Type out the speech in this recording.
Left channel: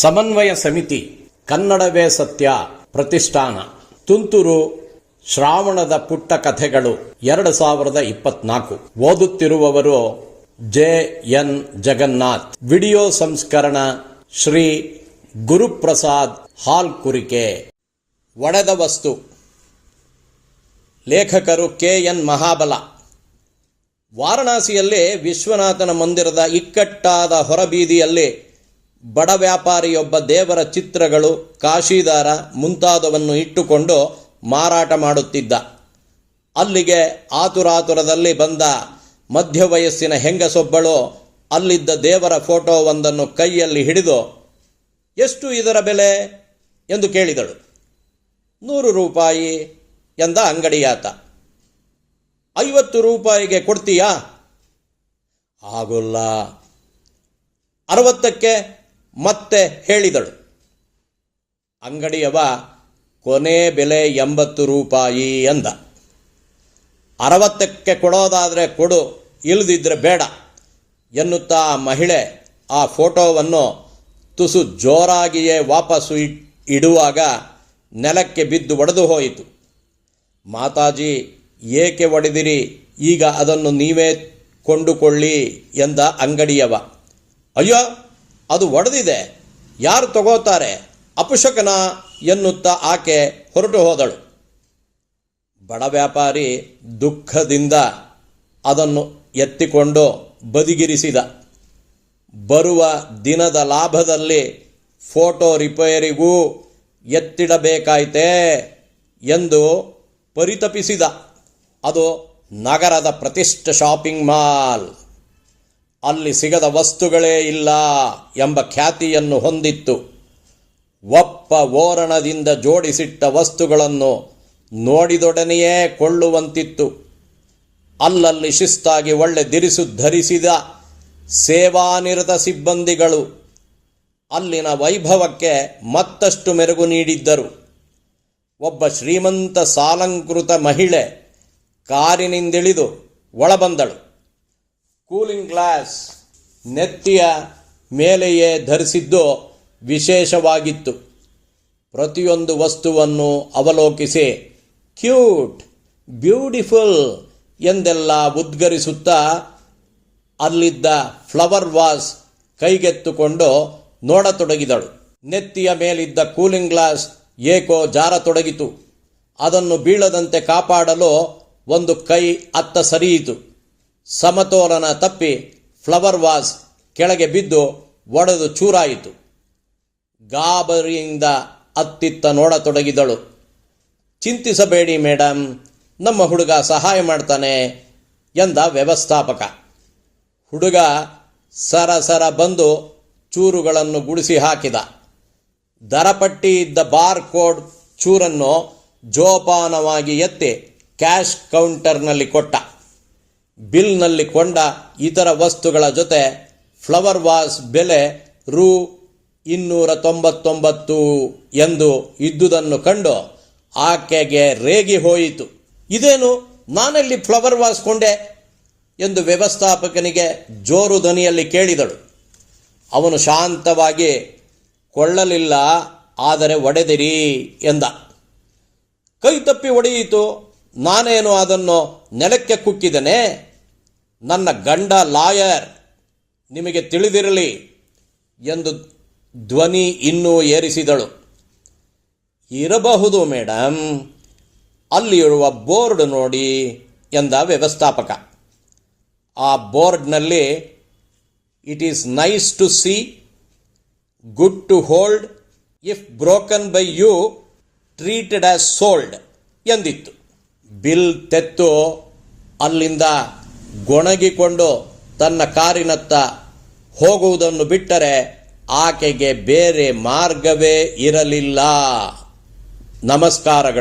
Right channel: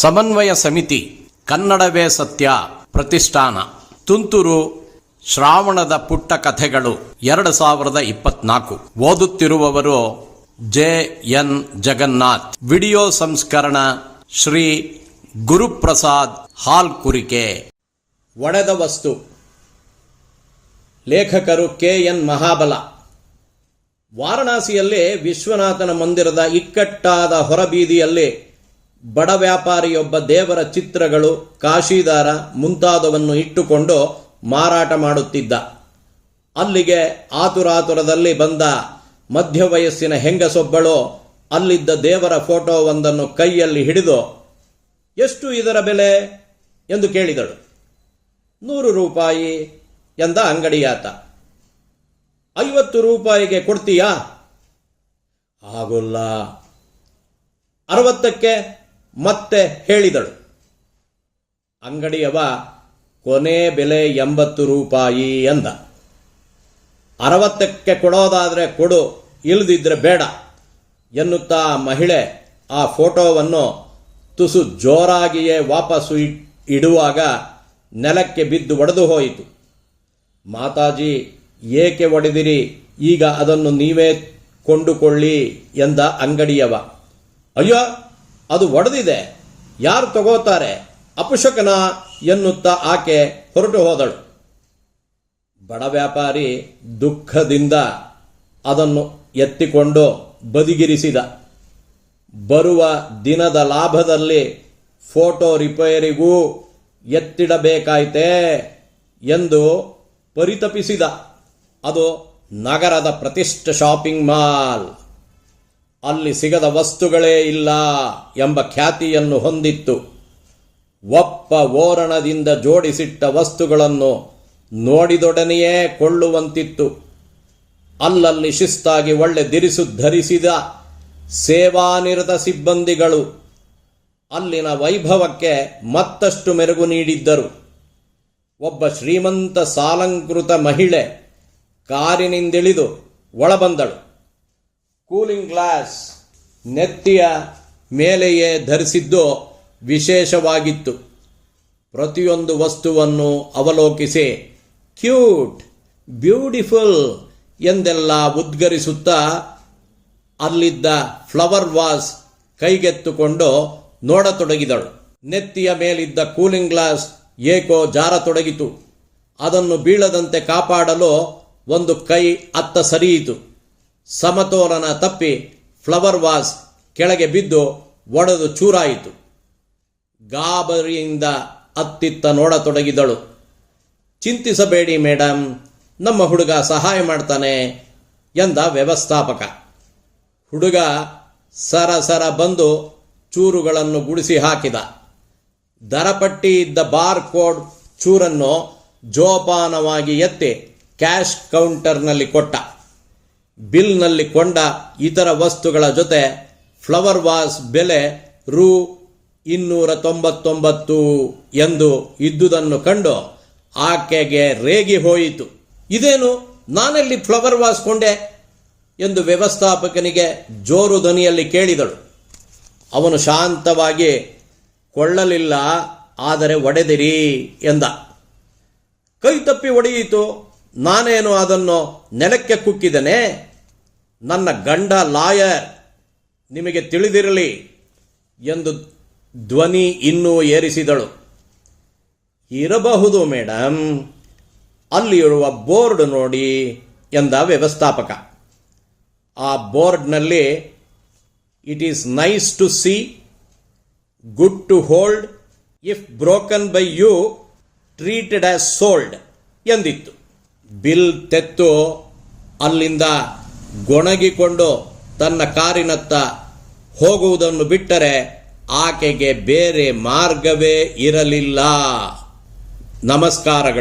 ಸಮನ್ವಯ ಸಮಿತಿ ಕನ್ನಡವೇ ಸತ್ಯ ಪ್ರತಿಷ್ಠಾನ. ತುಂತುರು ಶ್ರಾವಣದ ಪುಟ್ಟ ಕಥೆಗಳು ಎರಡು ಸಾವಿರದ ಇಪ್ಪತ್ನಾಲ್ಕು. ಓದುತ್ತಿರುವವರು ಜೆ ಎನ್ ಜಗನ್ನಾಥ್. ವಿಡಿಯೋ ಸಂಸ್ಕರಣ ಶ್ರೀ ಗುರುಪ್ರಸಾದ್ ಹಾಲ್ ಕುರಿಕೆ ಒಡೆದ ವಸ್ತು. ಲೇಖಕರು ಕೆ ಎನ್ ಮಹಾಬಲ. ವಾರಣಾಸಿಯಲ್ಲಿ ವಿಶ್ವನಾಥನ ಮಂದಿರದ ಇಕ್ಕಟ್ಟಾದ ಹೊರಬೀದಿಯಲ್ಲಿ ಬಡ ವ್ಯಾಪಾರಿಯೊಬ್ಬ ದೇವರ ಚಿತ್ರಗಳು, ಕಾಶಿದಾರ ಮುಂತಾದವನ್ನು ಇಟ್ಟುಕೊಂಡು ಮಾರಾಟ ಮಾಡುತ್ತಿದ್ದ. ಅಲ್ಲಿಗೆ ಆತುರಾತುರದಲ್ಲಿ ಬಂದ ಮಧ್ಯ ವಯಸ್ಸಿನ ಹೆಂಗಸೊಬ್ಬಳು ಅಲ್ಲಿದ್ದ ದೇವರ ಫೋಟೋವೊಂದನ್ನು ಕೈಯಲ್ಲಿ ಹಿಡಿದು, ಎಷ್ಟು ಇದರ ಬೆಲೆ? ಎಂದು ಕೇಳಿದಳು. ನೂರು ರೂಪಾಯಿ, ಎಂದ ಅಂಗಡಿಯಾತ. ಐವತ್ತು ರೂಪಾಯಿಗೆ ಕೊಡ್ತೀಯಾ? ಆಗೋಲ್ಲ. ಅರವತ್ತಕ್ಕೆ ಮತ್ತೆ ಹೇಳಿದಳು. ಅಂಗಡಿಯವ, ಕೊನೆ ಬೆಲೆ ಎಂಬತ್ತು ರೂಪಾಯಿ ಅಂದ. ಅರವತ್ತಕ್ಕೆ ಕೊಡೋದಾದರೆ ಕೊಡು ಇಲ್ಲದಿದ್ದರೆ ಬೇಡ, ಎನ್ನುತ್ತಾ ಆ ಮಹಿಳೆ ಆ ಫೋಟೋವನ್ನು ತುಸು ಜೋರಾಗಿಯೇ ವಾಪಸ್ಸು ಇಡುವಾಗ ನೆಲಕ್ಕೆ ಬಿದ್ದು ಒಡೆದು ಹೋಯಿತು. ಮಾತಾಜಿ, ಏಕೆ ಒಡೆದಿರಿ? ಈಗ ಅದನ್ನು ನೀವೇ ಕೊಂಡುಕೊಳ್ಳಿ ಎಂದ ಅಂಗಡಿಯವ. ಅಯ್ಯೋ ಅದು ಒಡೆದಿದೆ. ಯಾರು ತಗೋತಾರೆ? ಅಪುಷಕನ ಎನ್ನುತ್ತಾ ಆಕೆ ಹೊರಟು ಹೋದಳು. ಬಡ ವ್ಯಾಪಾರಿ ದುಃಖದಿಂದ ಅದನ್ನು ಎತ್ತಿಕೊಂಡು ಬದಿಗಿರಿಸಿದ. ಬರುವ ದಿನದ ಲಾಭದಲ್ಲಿ ಫೋಟೋ ರಿಪೇರಿಗೂ ಎತ್ತಿಡಬೇಕಾಯ್ತೇ ಎಂದು ಪರಿತಪಿಸಿದ. ಅದು ನಗರದ ಪ್ರತಿಷ್ಠ ಶಾಪಿಂಗ್ ಮಾಲ್. ಅಲ್ಲಿ ಸಿಗದ ವಸ್ತುಗಳೇ ಇಲ್ಲ ಎಂಬ ಖ್ಯಾತಿಯನ್ನು ಹೊಂದಿತ್ತು. ಒಪ್ಪ ಓರಣದಿಂದ ಜೋಡಿಸಿಟ್ಟ ವಸ್ತುಗಳನ್ನು ನೋಡಿದೊಡನೆಯೇ ಕೊಳ್ಳುವಂತಿತ್ತು. ಅಲ್ಲಲ್ಲಿ ಶಿಸ್ತಾಗಿ ಒಳ್ಳೆ ದಿರಿಸು ಧರಿಸಿದ ಸೇವಾನಿರತ ಸಿಬ್ಬಂದಿಗಳು ಅಲ್ಲಿನ ವೈಭವಕ್ಕೆ ಮತ್ತಷ್ಟು ಮೆರುಗು ನೀಡಿದ್ದರು. ಒಬ್ಬ ಶ್ರೀಮಂತ ಸಾಲಂಕೃತ ಮಹಿಳೆ ಕಾರಿನಿಂದಿಳಿದು ಒಳಬಂದಳು. ಕೂಲಿಂಗ್ ಗ್ಲಾಸ್ ನೆತ್ತಿಯ ಮೇಲೆಯೇ ಧರಿಸಿದ್ದು ವಿಶೇಷವಾಗಿತ್ತು. ಪ್ರತಿಯೊಂದು ವಸ್ತುವನ್ನು ಅವಲೋಕಿಸಿ, ಕ್ಯೂಟ್, ಬ್ಯೂಟಿಫುಲ್ ಎಂದೆಲ್ಲ ಉದ್ಗರಿಸುತ್ತಾ, ಅಲ್ಲಿದ್ದ ಫ್ಲವರ್ ವಾಸ್ ಕೈಗೆತ್ತುಕೊಂಡು ನೋಡತೊಡಗಿದಳು. ನೆತ್ತಿಯ ಮೇಲಿದ್ದ ಕೂಲಿಂಗ್ ಗ್ಲಾಸ್ ಏಕೋ ಜಾರತೊಡಗಿತು. ಅದನ್ನು ಬೀಳದಂತೆ ಕಾಪಾಡಲು ಒಂದು ಕೈ ಅತ್ತ ಸರಿಯಿತು. ಸಮತೋಲನ ತಪ್ಪಿ ಫ್ಲವರ್ ವಾಸ್ ಕೆಳಗೆ ಬಿದ್ದು ಒಡೆದು ಚೂರಾಯಿತು. ಗಾಬರಿಯಿಂದ ಅತ್ತಿತ್ತ ನೋಡತೊಡಗಿದಳು. ಚಿಂತಿಸಬೇಡಿ ಮೇಡಮ್ ನಮ್ಮ ಹುಡುಗ ಸಹಾಯ ಮಾಡ್ತಾನೆ ಎಂದ ವ್ಯವಸ್ಥಾಪಕ. ಹುಡುಗ ಸರಸರ ಸರ ಬಂದು ಚೂರುಗಳನ್ನು ಗುಡಿಸಿ ಹಾಕಿದ. ದರಪಟ್ಟಿ ಇದ್ದ ಬಾರ್ ಕೋಡ್ ಚೂರನ್ನು ಜೋಪಾನವಾಗಿ ಎತ್ತಿ ಕ್ಯಾಶ್ ಕೌಂಟರ್ನಲ್ಲಿ ಕೊಟ್ಟ. ಬಿಲ್ನಲ್ಲಿ ಕೊಂಡ ಇತರ ವಸ್ತುಗಳ ಜೊತೆ ಫ್ಲವರ್ ವಾಸ್ ಬೆಲೆ ರು ಇನ್ನೂರ ತೊಂಬತ್ತೊಂಬತ್ತು ಎಂದು ಇದ್ದುದನ್ನು ಕಂಡು ಆಕೆಗೆ ರೇಗಿ ಹೋಯಿತು. ಇದೇನು? ನಾನೆಲ್ಲಿ ಫ್ಲವರ್ ವಾಸ್ ಕೊಂಡೆ ಎಂದು ವ್ಯವಸ್ಥಾಪಕನಿಗೆ ಜೋರು ಧ್ವನಿಯಲ್ಲಿ ಕೇಳಿದಳು. ಅವನು ಶಾಂತವಾಗಿ, ಕೊಳ್ಳಲಿಲ್ಲ, ಆದರೆ ಒಡೆದಿರಿ ಎಂದ. ಕೈ ತಪ್ಪಿ ಒಡೆಯಿತು. ನಾನೇನು ಅದನ್ನು ನೆಲಕ್ಕೆ ಕುಕ್ಕಿದನೆ ನನ್ನ ಗಂಡ ಲಾಯರ್, ನಿಮಗೆ ತಿಳಿದಿರಲಿ ಎಂದು ಧ್ವನಿ ಇನ್ನೂ ಏರಿಸಿದಳು. ಇರಬಹುದು ಮೇಡಮ್ ಅಲ್ಲಿರುವ ಬೋರ್ಡ್ ನೋಡಿ ಎಂದ ವ್ಯವಸ್ಥಾಪಕ. ಆ ಬೋರ್ಡ್ನಲ್ಲಿ, it is nice to see, good to hold, if broken by you, treated as sold ಎಂದಿತ್ತು. Bill ತೆತ್ತು ಅಲ್ಲಿಂದ ಗೊಣಗಿಕೊಂಡು ತನ್ನ ಕಾರಿನತ್ತ ಹೋಗುವುದನ್ನು ಬಿಟ್ಟರೆ ಆಕೆಗೆ ಬೇರೆ ಮಾರ್ಗವೇ ಇರಲಿಲ್ಲ. ನಮಸ್ಕಾರಗಳು.